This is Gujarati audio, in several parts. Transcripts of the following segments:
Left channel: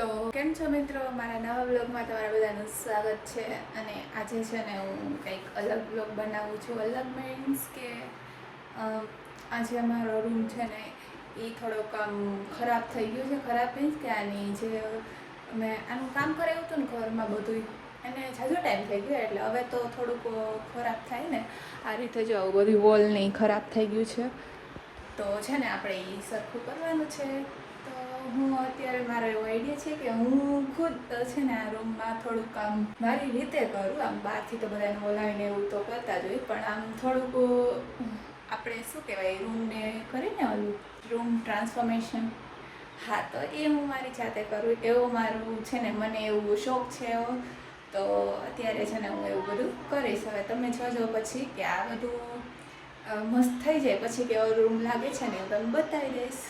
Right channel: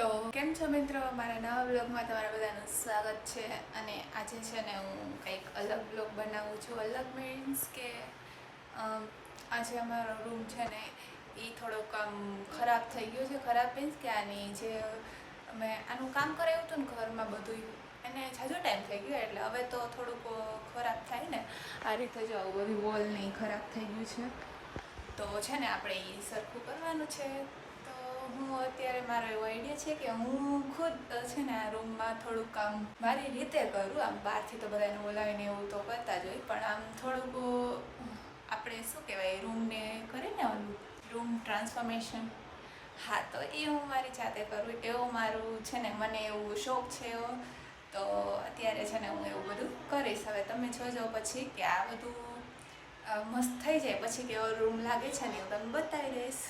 તો કેમ છો મિત્રો, મારા નવા વ્લોગમાં તમારા બધાનું સ્વાગત છે. અને આજે છે ને હું કંઈક અલગ વ્લોગ બનાવું છું. અલગ મીન્સ કે આજે અમારો રૂમ છે ને એ થોડોક ખરાબ થઈ ગયો છે. ખરાબ મીન્સ કે આની જે મેં આનું કામ કરાવ્યું હતું ને ઘરમાં બધું, એને જાજો ટાઈમ થઈ ગયો એટલે હવે તો થોડુંક ખરાબ થાય ને. આ રીતે જો આવું બધું વોલ નહીં ખરાબ થઈ ગયું છે, તો છે ને આપણે એ સરખું કરવાનું છે. તો હું અત્યારે મારો એવો આઈડિયા છે કે હું ખુદ છે ને આ રૂમમાં થોડુંક કામ મારી રીતે કરું. આમ બહારથી તો બધાને બોલાવીને એવું તો કરતા જ હોય, પણ આમ થોડુંક આપણે શું કહેવાય, રૂમને કરીને ઓલું રૂમ ટ્રાન્સફોર્મેશન, હા, તો એ હું મારી જાતે કરું. એવું મારું છે ને, મને એવું શોખ છે એવો. તો અત્યારે છે ને હું એવું બધું કરીશ. હવે તમે જોજો પછી કે આ બધું મસ્ત થઈ જાય પછી કેવો રૂમ લાગે છે ને હું તમને બતાવી દઈશ.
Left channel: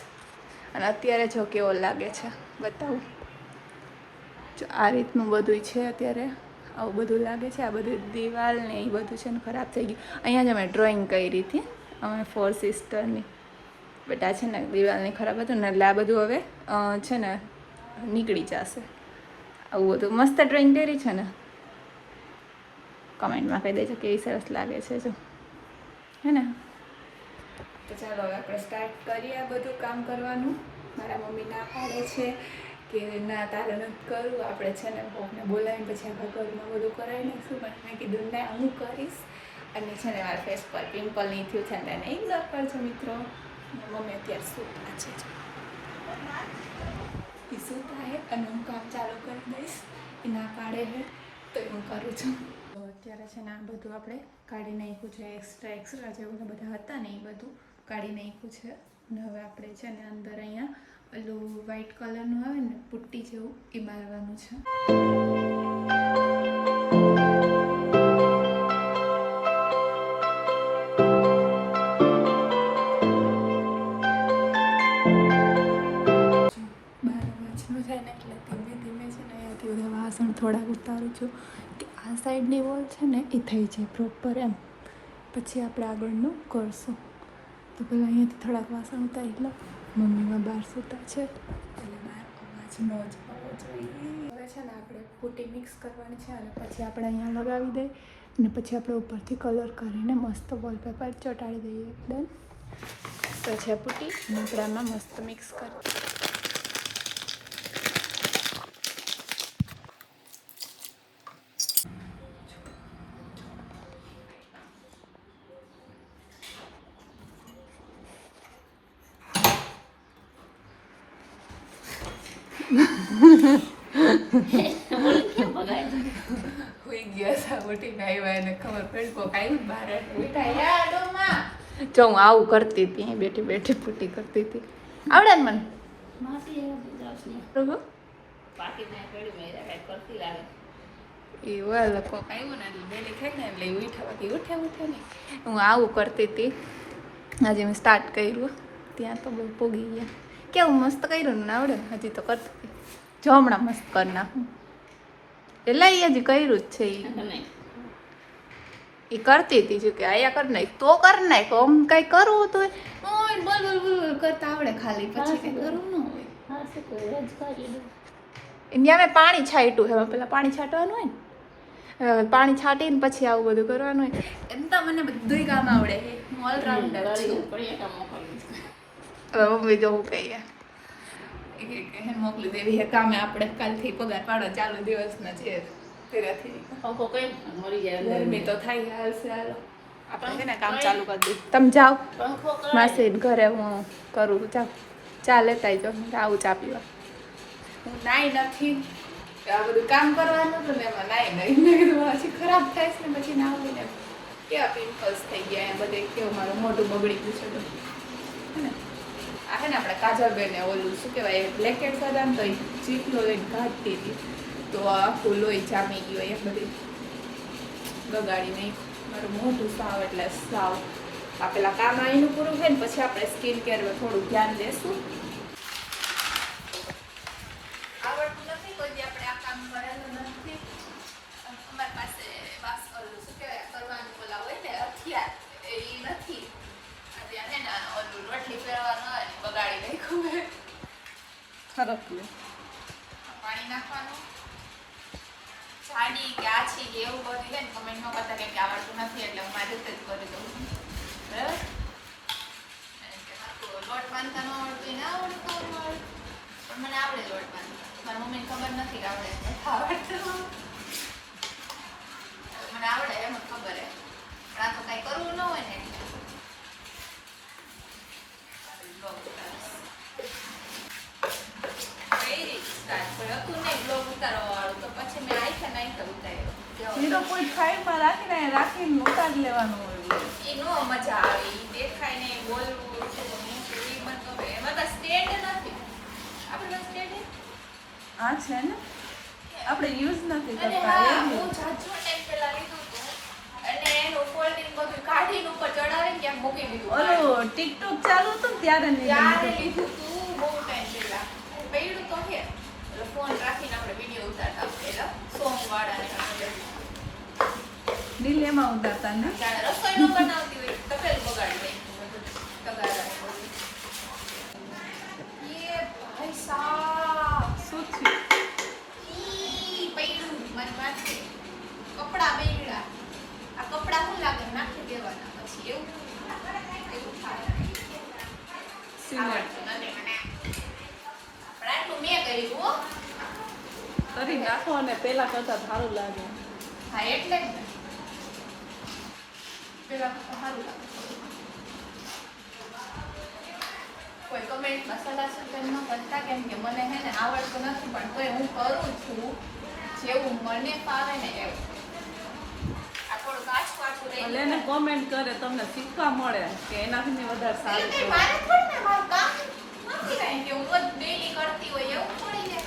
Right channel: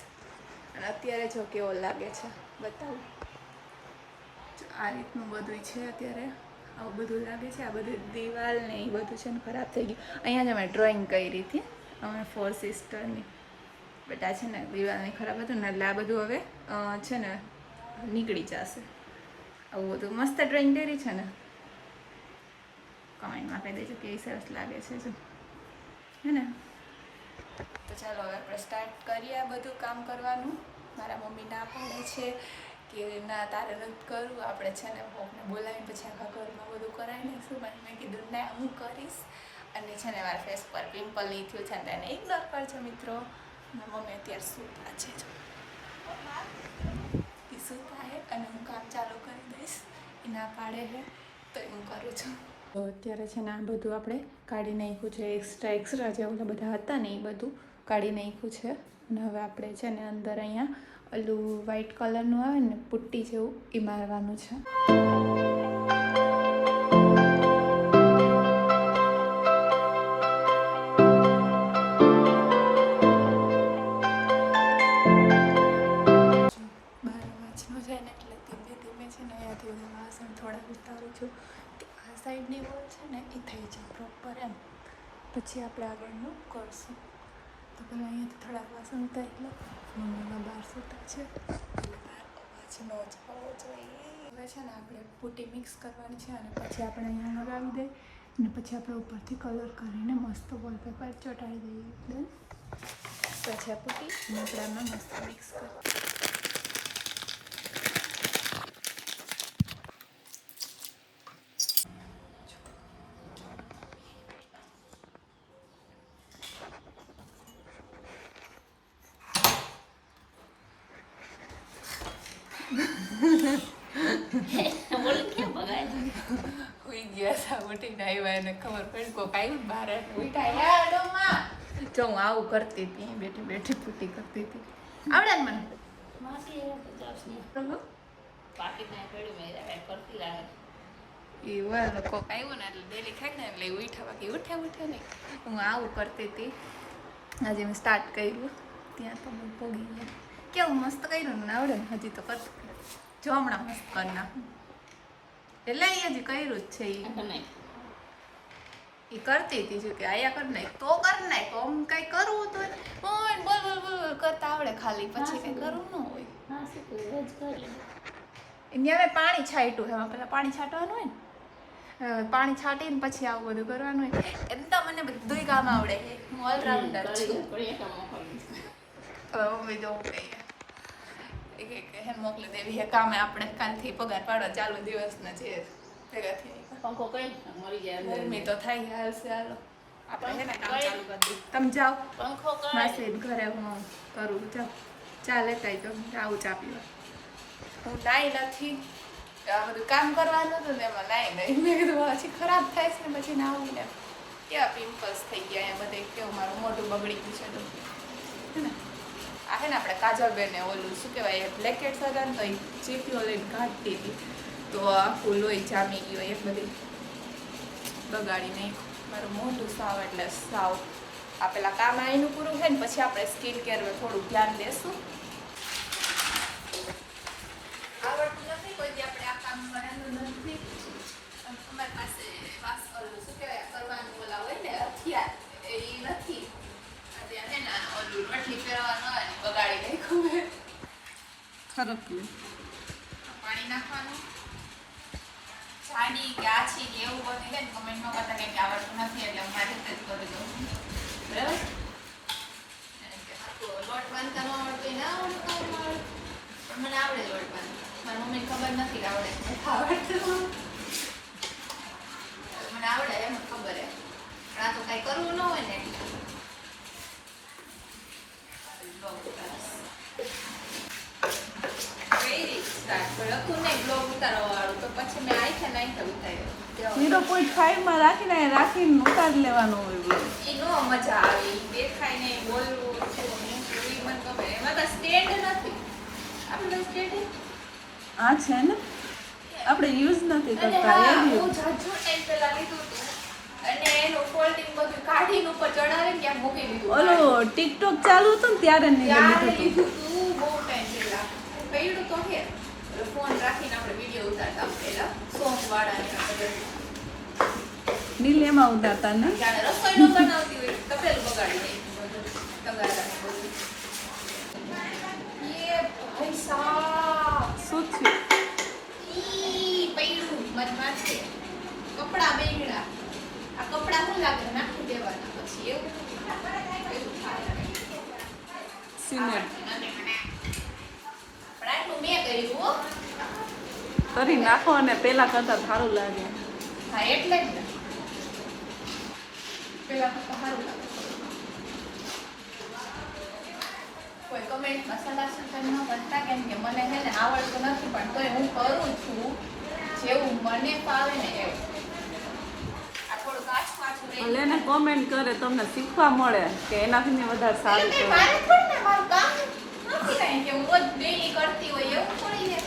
અને અત્યારે જો કેવો લાગે છે બતાવું. જો આ રીતનું બધું છે અત્યારે, આવું બધું લાગે છે. આ બધું દિવાલ ને એ બધું છે ને ખરાબ થઈ ગયું. અહીંયા જ અમે ડ્રોઈંગ કરી હતી અમે 4 સિસ્ટરની, બટ આ છે ને દિવાલની ખરાબ હતું ને એટલે આ બધું હવે છે ને નીકળી જશે. આવું બધું મસ્ત ડ્રોઈંગ કરી છે ને, કમેન્ટમાં કહી દેજો કેવી સરસ લાગે છે જો, હે ને. તો ચાલો હવે આપણે સ્ટાર્ટ કરીએ આ બધું કામ કરવાનું. મારા મમ્મી ના પાડે છે કે ના તારે નથી કરવું, આપણે છે ને કોકને બોલાવીને પછી આખા ઘરમાં બધું કરાવી નાખીશું. પણ મેં કીધું ના, હું કરીશ. અને છે ને મારા ફેસ પર પિમ્પલ નહીં થયું છે ને તેને એકદમ પર છે મિત્રો. મમ્મી અત્યારે સૂતા છે, એ સૂતા છે અને હું કામ ચાલુ કરી દઈશ. એ ના પાડે છે તો હું કરું છું. તો અત્યારે છે ને આ બધું આપણે કાઢી નાખ્યું છે. એક્સ્ટ્રા જે બધા હતા ને એ બધું કાઢી નાખ્યું છે. અને હવે આપણે છે ને અંદર અહીંયા ઓલું વ્હાઈટ કલરનું આવે ને પુટ્ટી જેવું એ મારવાનું છે. વાસણ થોડાક ઉતારું છું કે આ સાઈડની વોલ છે ને એ થઈ જાય પ્રોપર એમ, પછી આપણે આગળનું કરશું. તો પહેલાં અહીંયાથી થોડાક વાસણ ઉતારી લો. મમ્મીમાં બહાર સૂતા છે એટલે બહાર અવાજ ન જ આવવો જોઈએ. હવે છે ને આપણે પુટ્ટી મિક્સ કરવાની છે અને પછી આપણે અહીંયા લગાવી દઈએ અને પછી આપણે ઉપરથી કલર કરીને મસ્ત વોલપેપર ચોંટાડી દઈએ એકદમ. પછી આ પુટ્ટી આપણામાં મસ્ત મિક્સ કરીએ. જો હું આવું કરતી હતી, બેઠી બેઠી પુટ્ટી કરતી હતી. આવડે ને મને? હું આવું કરતી હતી. આજે મેં સ્ટાર્ટ કર્યું ત્યાં તો બહુ પોગી ગયા. કેવું મસ્ત કર્યું ને, આવડે હજી તો કરતી હતી. જો હમણાં મસ્ત કરી નાખું એટલે એ હજી કર્યું જ છે. એ કરતી હતી જો કે આયા કર નાખ તો કર નાખ. આમ કઈ કરવું તો બોલ બોલ કરતા આવડે ખાલી, પછી કઈ કરવું ન હોય. ત્યાં મેં પાણી છાંટ્યું છે. પેલા પાણી છાંટવાનું હોય ને, પાણી છાંટીને પછી આવું બધું કરવાનું હોય. એમ તો મને બધું કામ આવડે, હું ઓલરાઉન્ડર છું. હવે મમ્મી જવું કહીએ મોકલી દેવી હે કામે. આપણે કાલથી પગાર પાડો ચાલુ દિવસના છે. ગરમી તો થાય, હાલશે. હાલો આપણે છે ને કામ ચાલુ કરી દઈએ. તમે જાઓ માસી ઘરે, હું કરું. જાઓ ચા લેતા જાઓ. આવું ચા પીવા. હું નાઈ નથી, આ બધું કામ કરવાનું હતું ને એમાં નાઈ મેં કીધું પછી ખરાબ થાય છે ને પછી ના આવું ને કેવા પિમ્પલ્સ થઈ ગયા બધે. કેવું મારું મોઢું બગડી ગયું છે બધું, હે ને. આ છે ને આપણે કાજલબેને ઓલું શું કહેવાય બ્લેકેટ્સ હતા ને તો એ ચીકલો લઈને કાઢતી હતી તો આખું લોહી જામી ગયું. એ બધી બગાડી નહીં મારું મોઢું સાવ એટલે સાવ. આ પેલા કામ આવીનું પૂરું થાય ને પછી આપણે સ્કિન કેરમાં થોડું ધ્યાન દેશું. આવડતું નથી કોઈ આપણે આ કામ કરેલું નથી. અમારી પાસે શું કહેવાય કરવાનું બોલા હોય ને હથિયાર એ નથી. અત્યારે ને ઓલું રોટલી ફેરવાનું હોય બગાડી નાખ્યું. ખરાબ જાડી કે આછી કે એવું બધું છે ને કમેન્ટ ન કરતા કેમ કે આવડતું નથી એટલે હું મારી રીતે જ કરી દઉં છું બરાબર લોટ બાંધતા ન આવડતું ના આવડતું પણ મને આવડે લોટ બાંધતા મારી મમ્મીને ખબર નથી આવડે આવડતું મને આવડે એમ જ ખબર હે આ તો કઈ કરવું ન હોય ને કોઈ સાઈડમાં રાખીને ઉતારી લેવાનું હોય એ નો મજા આવે દેખાય ને બોલવું એમાં તો સ્ટેન્ડ નથી આપણે સ્ટેન્ડ આ છે ને આપણે યુઝ નથી અને કરતા હા હું જાજો ટાઈમ પહેલા લીધું હતું અને એનું ફોલ્ડિંગ બધું કાઢીને ઉપર ચડાવીને ત્યાં મૂકી દીધું ઓલો ટિકટોક ચાલુ હતું ને ત્યારે ત્યારે લીધું તું બહુ ટાઈમ પહેલા હું પડ્યું તો હે ફોન રાખીને આપણે વિડીયો ઉતારતા પહેલા સોંગ વાળાને નીલ એમાં ઉતારતા ને જ્યારે રસોઈ ન બનાવતી હોય તપેલું બગાડી દઈ તગારા ये भाई साहब શું થયું ઈ પૈડું મારી માથે કપડા બેગડા આ કપડા શું લાગે નાખી દેવાના પછી એવું થાય આટલું મેં કર્યું હો કરી નાખો અને પેલા કરતા સારું લાગે હા એટલે જ ને પેલા કરતા સારું લાગે કોઈ કમેન્ટ મસાલા સૂચન ન કરતા કેમ કે મને છે ને આવડતું નથી પણ તોય હું કરું છું જેવું મને ફાવે ને એવું આ થોડું કાચું કાચું રહી એને કોમેન્ટ કરે તમને શીખવા મળે કે એનાથી વધારે સારું એટલે મારે પણ ને મારું કામ નથી કાંઈ કે હું રોજ ડેલી કરતી હોય એવું થોડી ને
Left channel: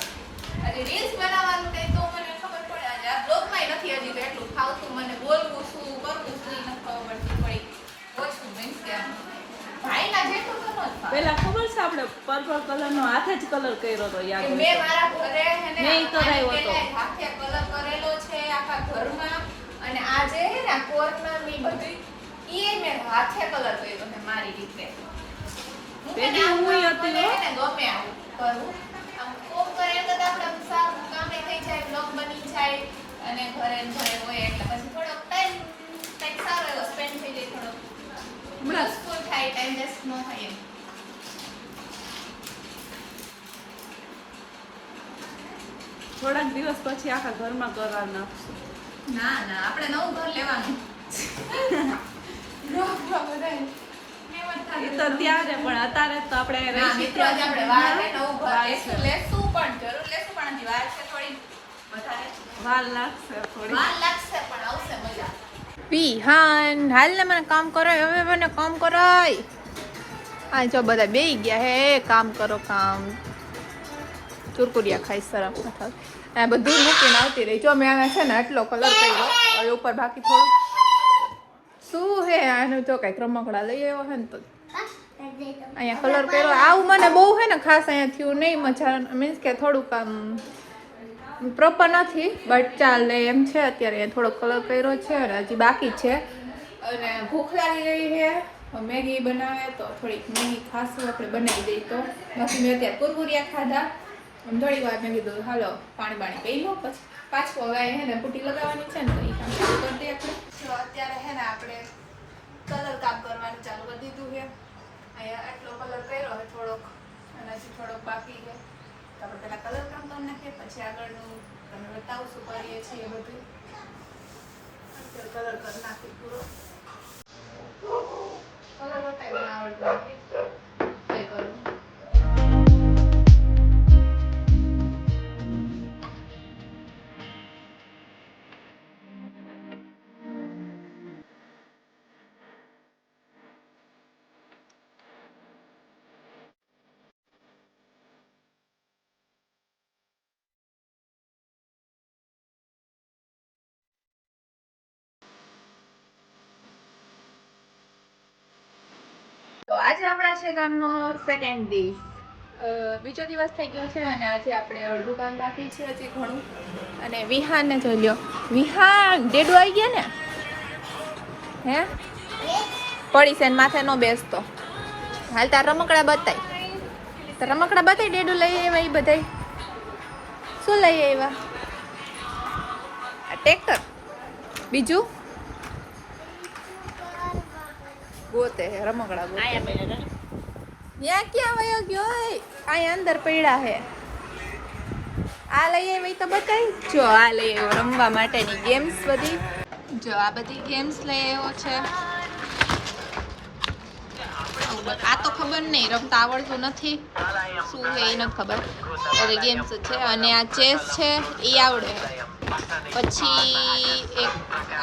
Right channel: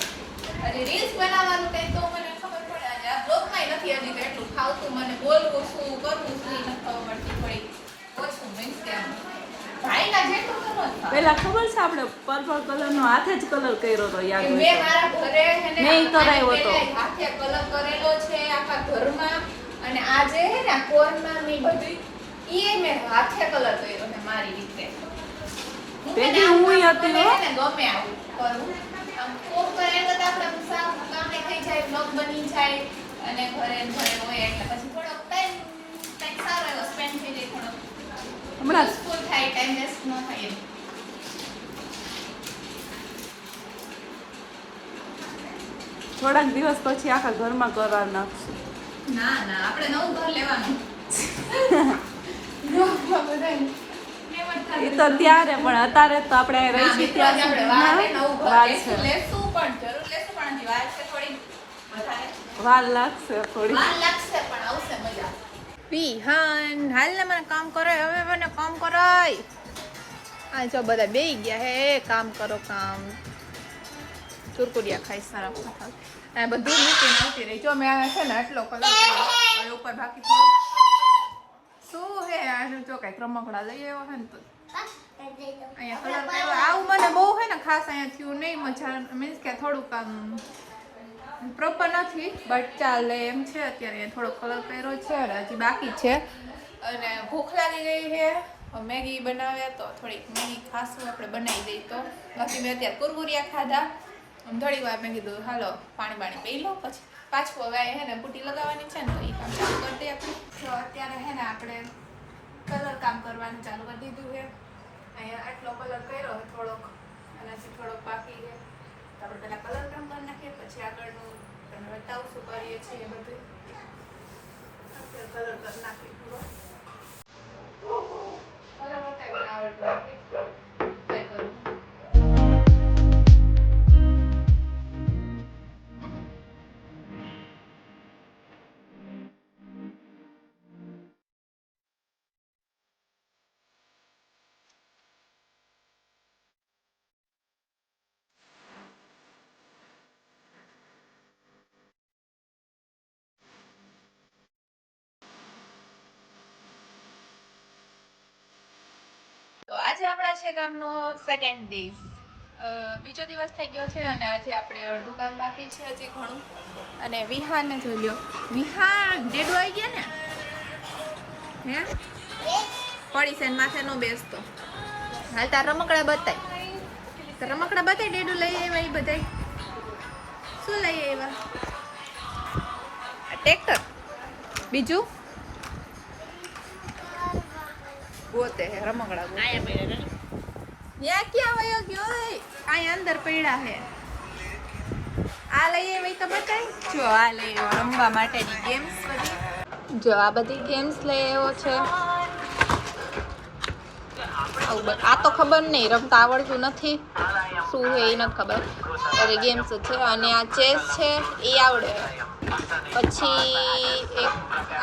અરે રીલ્સ બનાવવાનું કઈ તો મને ખબર પડે આજે આ બ્લોગમાંય નથી હજી તો એટલું ફાવતું મને બોલવું શું કરવું શું નથી ખબર પડતી થોડી ઓછું મીન્સ કે આમ ભાઈના જેટલું તો ન થાય પેલા ખબર છે આપણે પર્પલ કલરનો હાથે જ કલર કર્યો હતો યાદ હોય? મેં મારા ઘરે છે ને નહીં કરાયો આને હતો. પહેલા હાથે કલર કરેલો છે આખા ઘરમાં અને આ જે છે ને કોર્નમાં ની બધી ઈ મેં હાથે કલર કર્યો છે મારી રીતે હું પેલી મને આમ હું કામ હતી મને હો. છે ને ગમે આવું કરું આમ કોક કરે તો આપણે આમ સારું કામ થઈ જાય બ્લોગ બની જાય અને ઘરે ને ઘરે હોય એટલે પછી થોડોક ટાઈમ કંઈક સારો એવો સ્પેન્ડ થઈ જાય થોડોક હમણાં યુઝફુલ થાય ટાઈમ વેસ્ટ ન થાય એમ થોડાક દિવસ પછી આખા ઘરમાં કરવા નાખશું ના ના આપણે નવું ઘર લેવાનું ઘરમાં બધાને એ તો ત્યારે પણ અત્યારે તો આપણે ના, રહી મિત્રો, આજે આપણે વાર છે, નવું ઘર વાર લેશું, છે. લેશું પણ જરૂર લેશું પણ હજી વાર છે થોડી વધારે વાર લાગશે થોડી વાર લાગશે પણ આવશે મજા પીહાન હાલ ને મને કામ કરાય હવે મને કામ કરાય આ જો બધા બેહી ગયા હે કામ કરો કામ ચુરકુડિયા ખાઈ સરસ આ બધું મૂકીને આવતી રહી જો મેં આને છે ને આટલો કલર કર્યો હવે ઉપર બાકી થોડું શું હે આનું જો કઈક રમકડા લઈ આવ્યો હે ને તો અહીંયા કલર કર્યો આવું મને બહુ હે ને ખાસ અહીંયા થયું નહીં મજા મીન્સ કે થોડુંક આમ પ્રોપર નથી બટ ચાલે એમ છે અત્યારે થોડો કલર કર્યો છે અને હજી બાકી છે અને ભૂખ લાગી ગઈ છે મેગી બનાવે તો થોડીક મેગી ખાસું આપણે બનાવી દઈએ તો બાકી મેં અત્યારે કુરકુરિયા ખાધા અને થોડી વાર મેં કીધું હાલો પાણી પી લો પછી પાછું હવે હે ને પુટી લગાવવાની છે ને તો એ કામ ચાલુ કરી દઈએ આપણે જો અત્યારે હે ને આપણે કલર કામ કરવાનું ચાલુ કરી દીધું છે અહીંયા આટલો કલર કર્યો હવે થોડોક અને હજી થોડોક બાકી છે તો આપણે પહેલાં કલર કામ કરી નાખીએ પછી આગળનું તમને બતાવું શું કરીએ છીએ બધું અત્યારે કલર કરી નાખીએ પૂરો કલર બતાવી આવડતું નથી ટ્રાય કરું તો આજે આપણા છે કામનો સેકન્ડ દિવસ બીજો દિવસ થઈ ગયો છે અને આજે આપણે અડધું કામ બાકી છે હજી ઘણું અને વિહાનને જોઈ લ્યો વિહાન ડેડુ આવી ગયા ને હે પડી છે ને માથે નો બેસતો હાલ તાર રમકડા બતાય રમકડા બતાય ડેડુ લઈ આવ્યા એ બધાય શું લઈ આવ્યા ટ્રેક્ટર બીજું ગોતે રમકડા ગોતે યા ક્યાં વયો ગયો અહીંયા અંદર પડ્યા હે આ લઈ આવી તો બતાવી જો આ લઈ આવ્યો રમવા માટેની ગેમ્સ બધી જો આ બધી ગેમ્સ લઈ આવ્યો છે આ તો ખબર નહીં રમતા આવડતું નથી શું છે એ નથી ખબર એટલે ગેમ્સ છે અને આ ચેસ છે એ આવડે પછી એક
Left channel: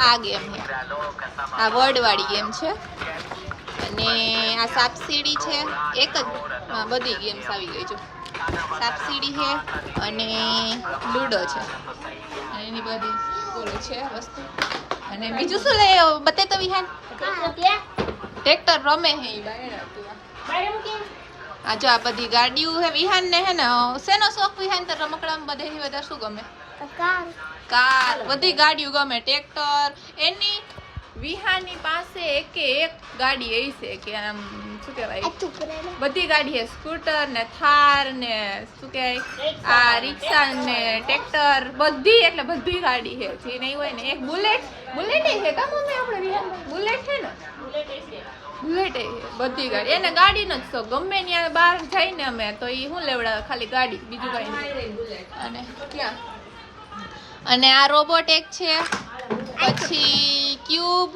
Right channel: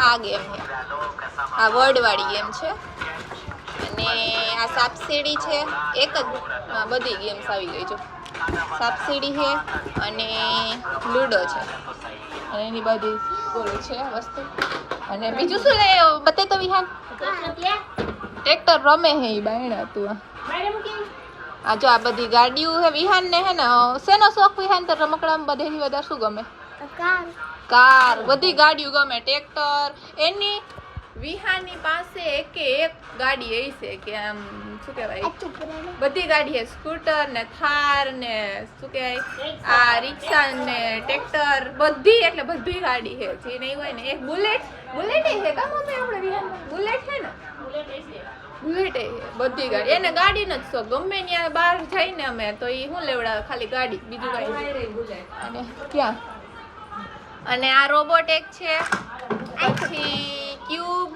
આ ગેમ છે આ વર્ડવાળી ગેમ છે અને આ સાપસીડી છે એક જ બધી ગેમ્સ આવી ગઈ છે સાપસીડી છે અને લૂડો છે અને એની બધી બોલો છે વસ્તુ અને બીજું શું લે બતે તો વિહાન ટ્રેક્ટર રમે હે એ બાયણે હતું આ જો આ બધી ગાડીઓ હે વિહાન ને હે ને શેનો શોખ વિહાન તો રમકડામાં બધેથી વધારે શું ગમે કાર બધી ગાડીઓ ગમે ટ્રેક્ટર એની વિહાની પાસે એકે એક ગાડી એવી છે કે આમ શું કહેવાય બધી ગાડી છે સ્કૂટર ને થાર ને શું કહેવાય આ રિક્ષા ને ટ્રેક્ટર બધી એટલે બધી ગાડી છે જે નહીં હોય ને એક બુલેટ છે કા મમ્મી આપણે વિહાન બુલેટ છે ને બુલેટ છે બધી ગાડી એને ગાડી નો જ શોખ ગમે ત્યાં બહાર જઈને અમે તો એ શું લેવડાવે ખાલી ગાડી બીજું કઈ અને ક્યાં અને આ રોબોટ એક છે પછી ક્યુબ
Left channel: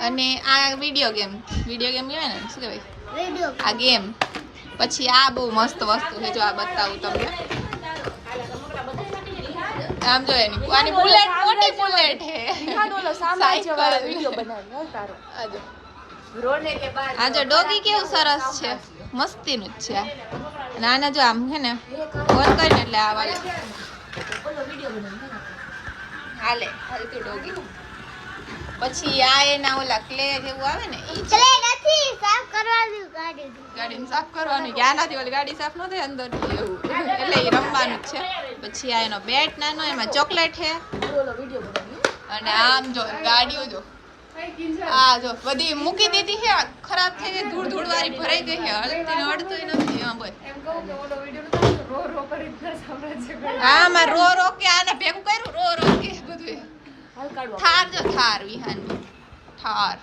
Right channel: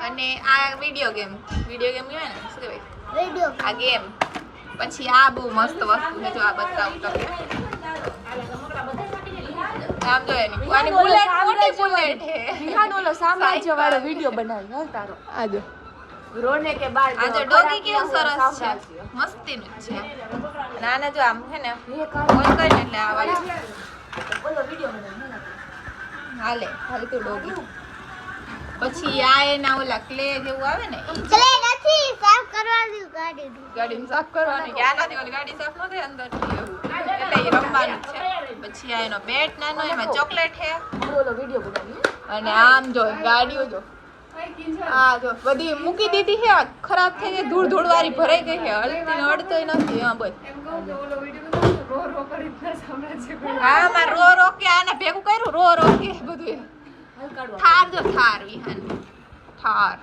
અને આ વિડીયો ગેમ કહેવાય ને શું કહેવાય આ ગેમ પછી આ બહુ મસ્ત વસ્તુ છે જો આ બતાવું તમને આમ જો એની આની બુલેટ મોટી બુલેટ છે વિડિયો બનાવી તારો આજે રોડને કે બાર આ જો ડોગી કેવું સરસ છે મસ્તીનું જ છે નાના જો આમ છે ને ફોન કરીને એટલે આ વાળા બોલો વિડિયો બનાવી હાલે તો ડોગી પછી આ એના ઓલા ક્લે જેવું આવે ને ગાડીને સાફ કરવાનું કે આનાથી ઓલી ગાડી સાફ ન થાય અંદર એવું એટલે એ રમવાનું જ છે પછી આ એનો બેટ નાનો એમાં ચોકલેટ છે બોલો વિડિયો અને આમ જો ગાડીઓ જો આ જો બધી મૂકી દીધી છે ખરાબ થઈ ગઈ ધૂળ વાળી ભરાઈ ગઈ છે હળતી ને હળતોય નથી હા બસ એમ કહું કે ઓલો વિડિયો રો કરી પ્લસ હમણાં છે આમાં રો કે આને ભેગું કર્યું રો કે બધું થાર જો થાર વિહાન થાર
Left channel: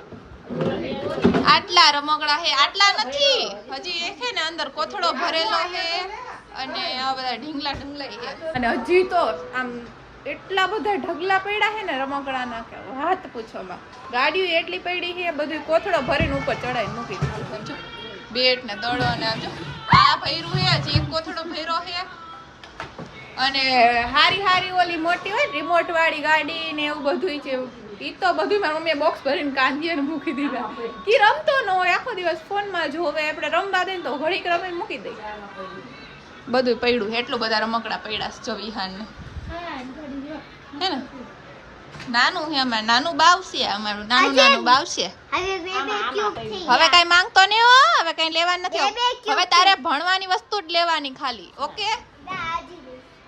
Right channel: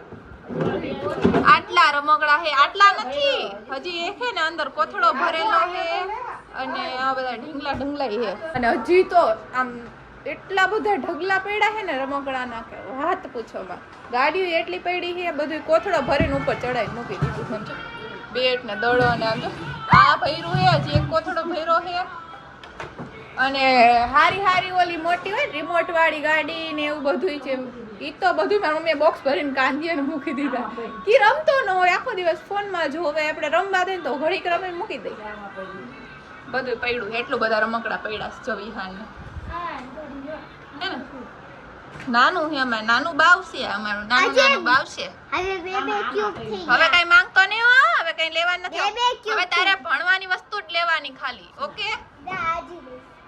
આટલા રમકડા છે આટલા નથી હજી એક છે ને અંદર કોથળો ભરેલો છે અને આ બધા ઢીંગલા છે અને હજી તો આમ એટલા બધા ઢગલા પડ્યા છે ને રમકડાના કે વાત પૂછોમાં ગાડીઓ એટલી પડી છે બધું કોથળો ભરીને ઉપર ચડાઈને મૂકી દીધું બેટ ને દડો ને આમ જો આ ભર્યું છે હજી એક કોથળો ભર્યો છે અને હારી ઓલી મોટી હોય રિમોટ વાળી ગાડી ને એવું બધું છે ઈ તો બધું મારી મમ્મીએ બોક્સ ભરીને કાંધીને મૂકી દીધા કી રમતો ન હોય આખો દિવસ ફોનમાં જોવે આપણે રમવા દે ને તો ઘડીક રમીને મૂકી દઈ બધું પડ્યું એટલું બધા રમકડા પડ્યા છે જો વિહાનને હે ને નાનું છે અમારે નાનું બાવશે અમારું નાનું બાવશે હવે કઈ માંગતો નહીં હો હવે કઈ લેવાનું નથી હવે તારે ભણવાની વસ્તુ જ લેવાની ખાલી ઓકે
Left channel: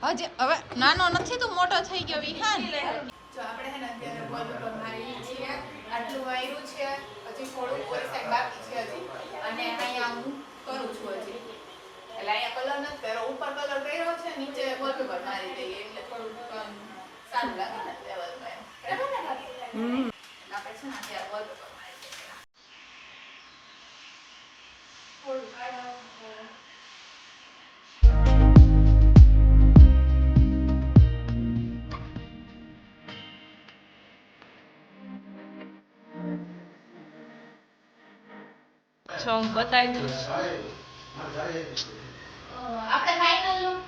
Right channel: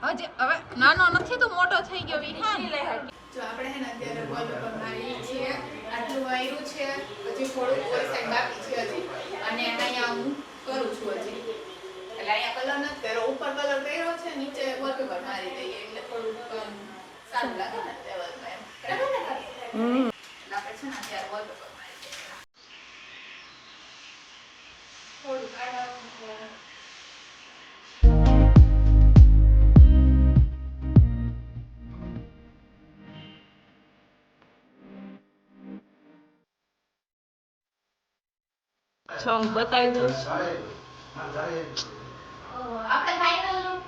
હજી હવે નાનો નથી તો મોટો થઈ ગયો વિહાન જો આપણે હે ને અત્યારે બોલ પર મારી છીએ આટલું વાયરું છે હજી થોડું ઉપર સાઈડ બાકી છે હજી અને અહીંયા હું કરું છું હજી એટલે અહીંયા કલર નથી કર્યો ઉપર કલર કર્યો છે નીચે બોલ પર મારી દઈએ એટલે થોડું સારું લાગે ને એવા કાંઈ બરાબર ને આપણે છે ને અત્યારે બોલ પર મારી દઈએ થોડું કાઢવાનું સોંગ બતાવી દઉં આપણે ફાઇનલ લુક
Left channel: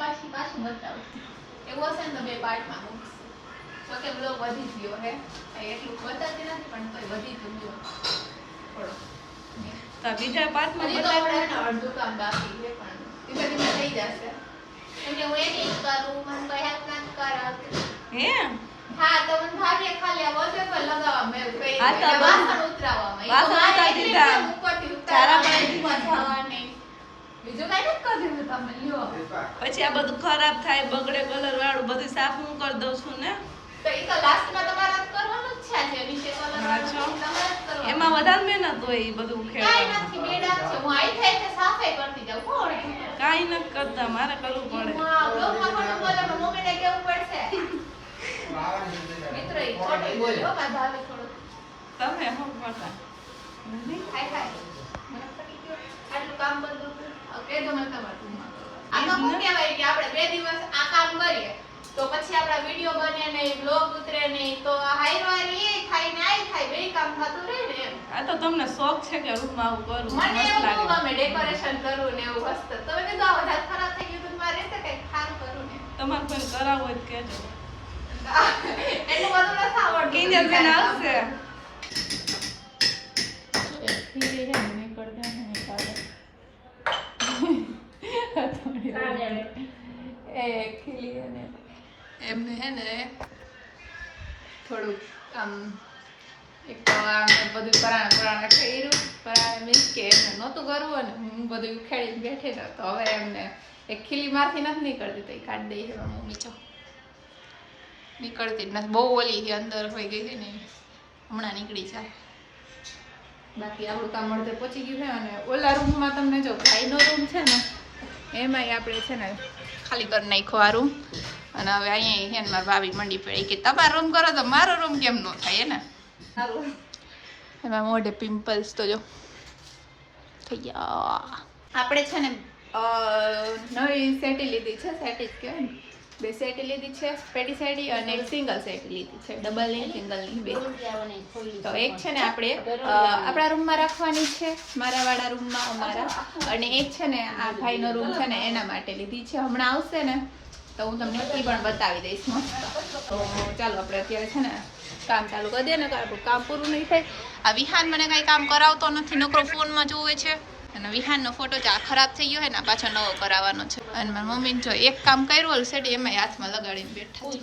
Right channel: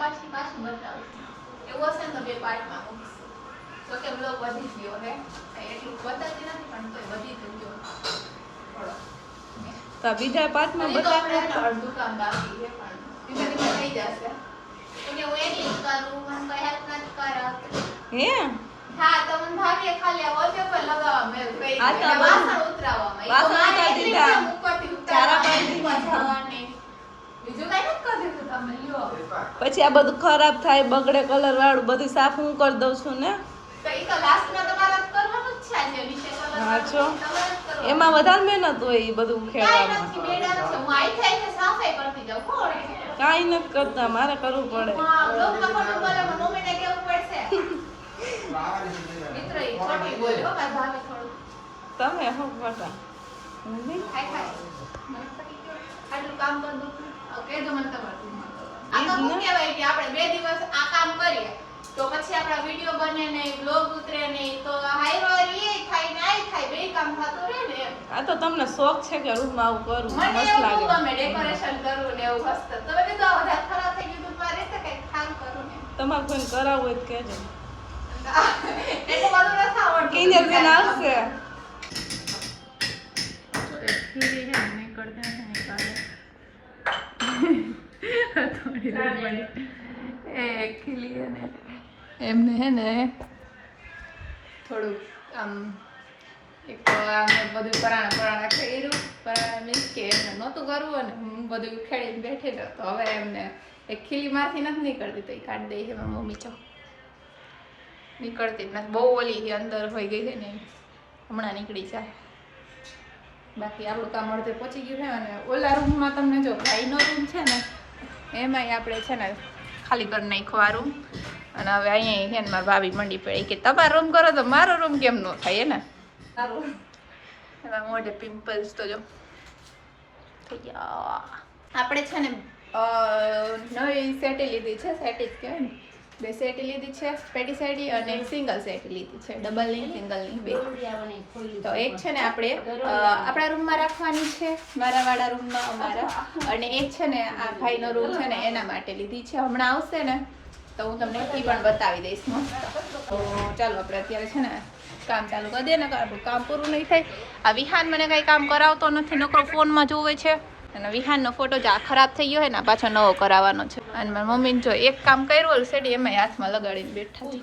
પછી પાછું બતાવશું એવું હશે ને તો બે પાર્ટમાં મૂકશું તો કે બ્લોગ વધી ગયો હે એટલું બતાવતી નથી પણ તોય વધી તો ગયો થોડો તો બીજા પાર્ટમાં બતાવી અડધું કામ બાકી છે પણ ધીમે ધીમે થઈ જશે એટલે હું એડિટ કરું મને કોઈ હેલ્પ નથી કરાવતી હે હા તો મને ભાગ્ય ખાલી આ વોલપેપર લગાવવા મેં કઈ આ તો વાસણ ઉતરાવવામાં વાસણ ઉતારી દીધા. ઉપરથી ચારા ઉતારવાની પાડી દીધા. જવાની. બીજું કઈ નથી કરી દીધું તમે લ્યો પછી આ બધું ખરાબ થાય બગડે કલર વાળું બધું સાફ હું કરી દઉં છું ને તો એ તો લાસ્ટમાં તમારે જ કરવાનું જ છે જે નીચે કલર હા છો. તમારે જ કરવાનું. એમાં વધારે મહેનત હોય એ બધું કાંઈ ખેડવામાં નથી બેડા છે હું આઈ થાય છે સાફાઈ કરતી જાઉં કોણ કાંઈ નથી કરતા મારે કરવું પડે બ્લોગમાં પણ બોલે મમ્મીને કેવું પડશે બોલે હો મારા ભાભી થોડું તમે હો મોટા ખાઈ ખાઈ મને પતી ગયો આટલું કામ બંધ હતું હવે કહેજો મને તમારે રૂમમાં કરવાનું આ તો શું કહેવાય કે આપણે 2 દિવસ આ કામ કરીએ તો પછી આપણા વિડિયો બને નહીં બ્લોગ ઉતરે નહીં તો હાઈવારી એ થાય ને આઈ થાય બે કામ થતું રહે ને એમ આ તો તમને શોખ છે કે રૂમમાં આવું કરું મને મસ્ત એવું લાગે ગમે ડેકોરેશન કરું ને એવું મસ્ત તમે કીધું આ વધારે ખરાબ થઈ ગયું તો મારે રહેશે કંઈક ખાસ કરું ને તમારે કોઈને કરાવવું હોય તો કહેજો એટલું બધું નથી આવડતું કિંજલ બેન આવશે એમને હે ને થોડુંક આમ એક તો આમ બધું પરાણા કર્યું પરાણે મીન્સ કે એમને નહોતું કરવું અને હું બધું ખેડીને બેઠી ને તો હવે એમને એક ખીલી મારથી નથી નીકળતી તો એ કાઢી દઈ છે મમ્મી ચો નીકળતી જ નથી બહુ ઓલી અંદર હોઈ ગઈ છે ને હમણાં નીકળી જાય બાકી આપણું કામ અડધે પહોંચી ગયું છે અને ઓલા રૂમમાં તમને જો ભાઈનો રૂમ છે ને એમાંય આપણે છે ને ખાલી કરી નાખ્યો આ રૂમ અને હવે અહીંયા છે ને મારા ભાભી મંડી પડી કે તમારો રૂમ કરો તો મારો રૂમ કેમ ન થાય ને એમાં મોઢે પિમ્પલ્સ તો જો થઈ ગયા આપણે છે ને નવી સેટી લીધી છે સેટી જ કહેવાય ને 2 સેટી લીધી છે પેટી સેટી અને એક સિંગલ સેટી લીધી છે ડબલ ની સિંગલ ની 2 તો એક છે ને આપણે આપણા રૂમમાં રાખવાની છે મારા વાળા રૂમમાં અમારા અને એક છે ને આ ભાઈનો રૂમ છે ને એના માટે લીધી છે હમણાં આવશે ને તો હું તમને એ પણ બતાવી દઈશ મસ્ત તો ચાલો આપણે અત્યારે છે ને કામ ચાલુ કરી દઈએ ને આપણું કામ પૂરું નહીં થાય આ વિહાન મને કંઈ કામ કરાવતો નથી નકરો ફોનમાં જોવે છે અને વિહાનનો ફોટો જ આ ખરાબ થઈ ગયો હોય ને પાછો નવો કરાવવાનો છે અને મારી મમ્મીને જો એક કામ કર્યું ઓલું સેડી એમાં હાથમાં લગાડીને બેઠા છે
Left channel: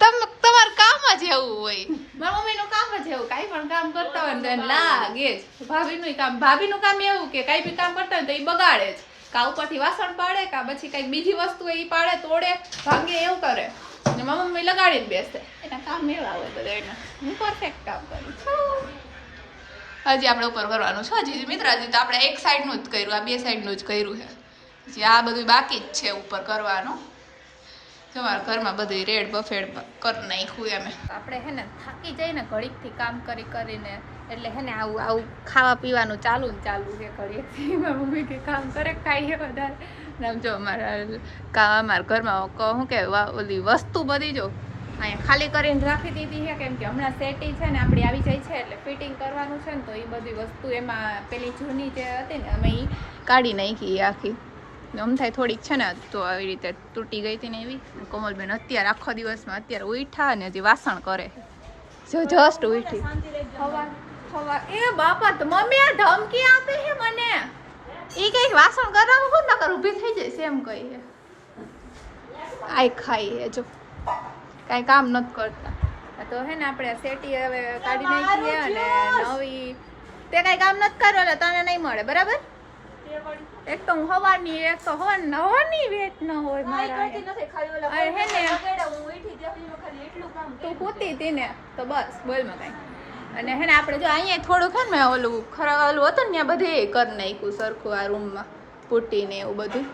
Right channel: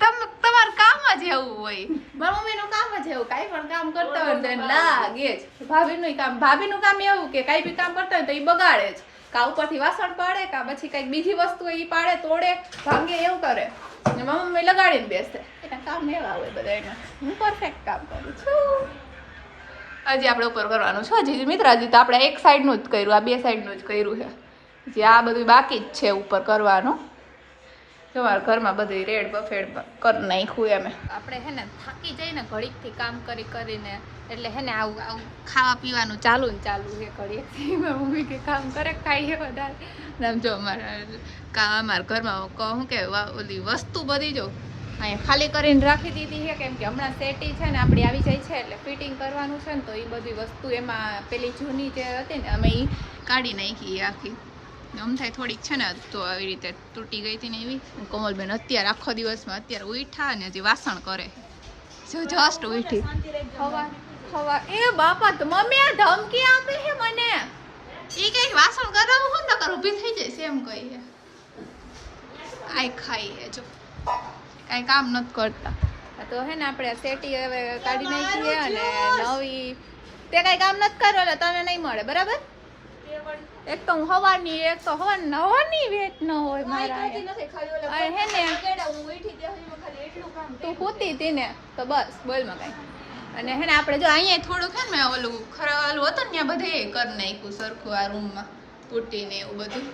તમારું કામ જ એવું હોય મારા મમ્મીનું કામ જ એવું કાંઈ પણ કામ કરતા હોય ને તો એને લાગે જ ભાભીનું કામ એવું કે કાંઈ બી કામ કરતા હોય તો એ બગાડે જ કા ઉપરથી વાસણ પાડે કા પછી કંઈક બીજી વસ્તુ એ પાડે તોડે ભાંગે એવું કરે ને મારા મમ્મી લગાડીને બેસે એના કામ એવા હોય બધા એના હું પરફેક્ટ કામ કરું છું હજી આપણે ઉપર કરવાનું છે હજી મિત્ર હજી તો આપણે એક સાઈડનું જ કર્યું આ 2 સાઈડનું જ કર્યું છે હજી આ બધું બાકી જ છે ઉપર કરવાનું જો મારા ઘરમાં બધું રેડ બફેડ કરી નાખ્યું એમ આપણે હે ને થાકી જઈને ઘડીકથી કામ કરીને એટલે હે ને આવું ખાવા પીવાનું ચાલુ ને ચાલુ છે ઘડીકથી મારી મમ્મી કે કામ કરે ખાઈએ વધારે ને જો અમારા ઘરમાં શું કે ઓલી વસ્તુ બધી જો અહીંયા ખાલી કરીને રાખી દીધી છે કેમ કે હમણાં સેટી છે ને આપણી આવી જાય છે એટલે ફિટિંગ કરવાનું છે ને તો એ બધી વસ્તુ એમાં પેલી જૂની જે હતી ને અમે એ કાઢી નાખી આખી આમ થાય થોડીક છે ને તો આવી રીતે તૂટી ગઈ હતી ને એવી કોમલબેન અત્યારે આખો દિવસમાં અત્યારે ઉઠા ને હજી વાસણ કરે જો જસ્ટ ઉઠી હવા એ બાપા તો મમ્મી આ ધમકી આપે છે મને એ કંઈક વાસણ કરાવું હું નકર ઊભી થઈ જઈશ એમ કહીએ આઈ ખાઈએ જો કાંઈ કામ નથી કરતા તો હે ને આપણે સેટી હવે કાઢી નાખીએ અને નવી તે કાંઈ કામ નથી કરો એટલે તને નહીં મળે બરાબર એક તો હું હવાની એક તો હવાની વેટ ન હોય મારા અહીંયા હે ને તું પૂતી હતી ને તો બસ બોલમાં કાંઈ અને હે ને આપણે જો અહીંયા થોડુંક હે ને ઓલું ઓલું હતું ને ત્યાં બધે કરી નાખ્યું સરખું આ રૂમમાં પૂટીને એવું બધું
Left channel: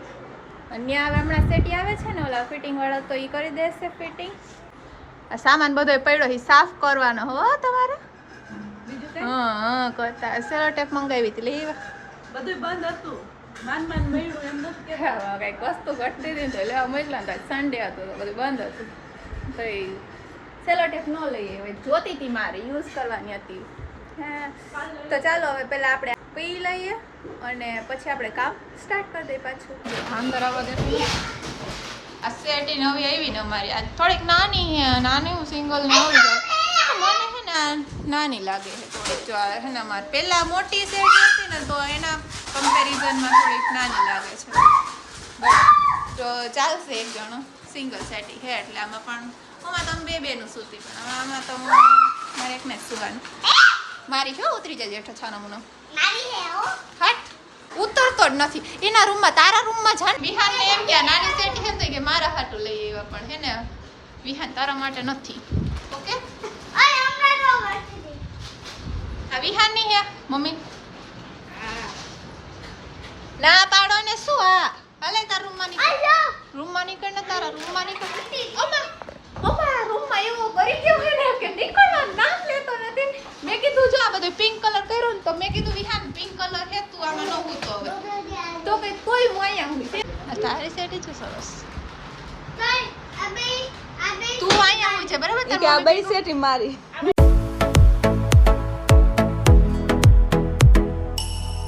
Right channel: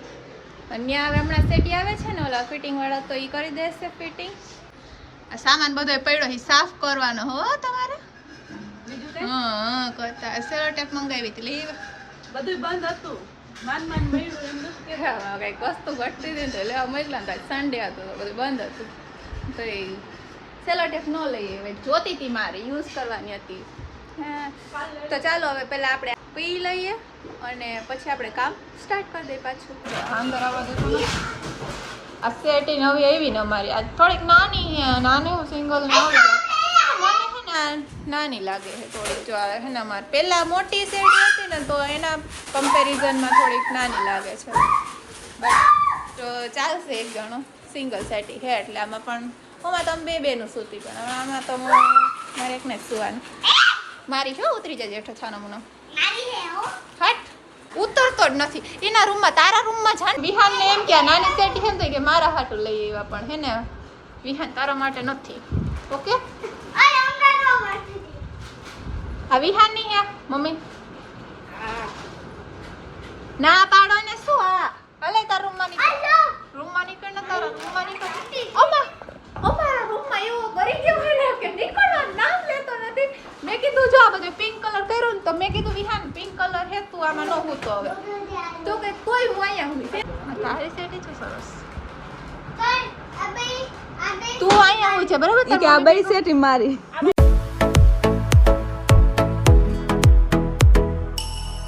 અને ત્યાં હવે હમણાં સેટી આવે છે ને ઓલા ફિટિંગ વાળા તો એ કરી દેશે ફિટિંગ આ સામાન બધો પડ્યો એ સાફ કરવાનો હો તમારે હા કરતા સેલો ટેપ મંગાવી હતી લેવા બધું બંધ હતું કંઈક વસ્તુ ઘટતી હતી ને તો લેવા મોકલા ને સન્ડે હતો તો બધું બંધ હતું તો એ સેલો ટેપ ન લઈએ હવે જોતી હતી મારે યુઝ કરવાની હતી હા તો ચાલો હવે પહેલાં આપણે પી લઈએ અને પછી આપણે કામ સ્ટાર્ટ કરી દઈએ પાછું અંદર આવવા દેતો આ સેટી નવી આવી ને અમારી આ થોડીક નાની સિંગલ ને આવી જાય મને છે ને નાની લાગે છે થોડીક જો હે ને અમારે પહેલાં મોટી સેટી હતી ને તો એના કમ્પેરિઝનમાં થોડીક નાની લાગે છે બટ તો ચાલશે એક જણો સિંગલ સેટી છે એટલે આમાં પણ આમાં તમે બેનું સૂતી પણ હવે આમાં તો મારે એકને જ સુવાનું મારી જો ઉતરી જાય જેઠો છાનો મુનો હટ ઉતરતો જ નથી એના રૂમમાં તારા રૂમમાં જા વિહાનને એમ કે નાની સેટી છે ને કે મારા હાટું લઈ આવ્યા પણ હે ને વિહાન તારા માટે નથી ઓકે આ વિહાન ની હે મમ્મી ના પાડો ને શું હલે તારા રૂમમાં નીકળ ને તારા રૂમમાં નીકળ ઓમા હું તો હવે તો કે કોઈ હું અહીંયા હું તારી સેટી છે સરસ તું અહીંયા હોય છે બરાબર તાર આ મમ્મી બઈ સેટી મારી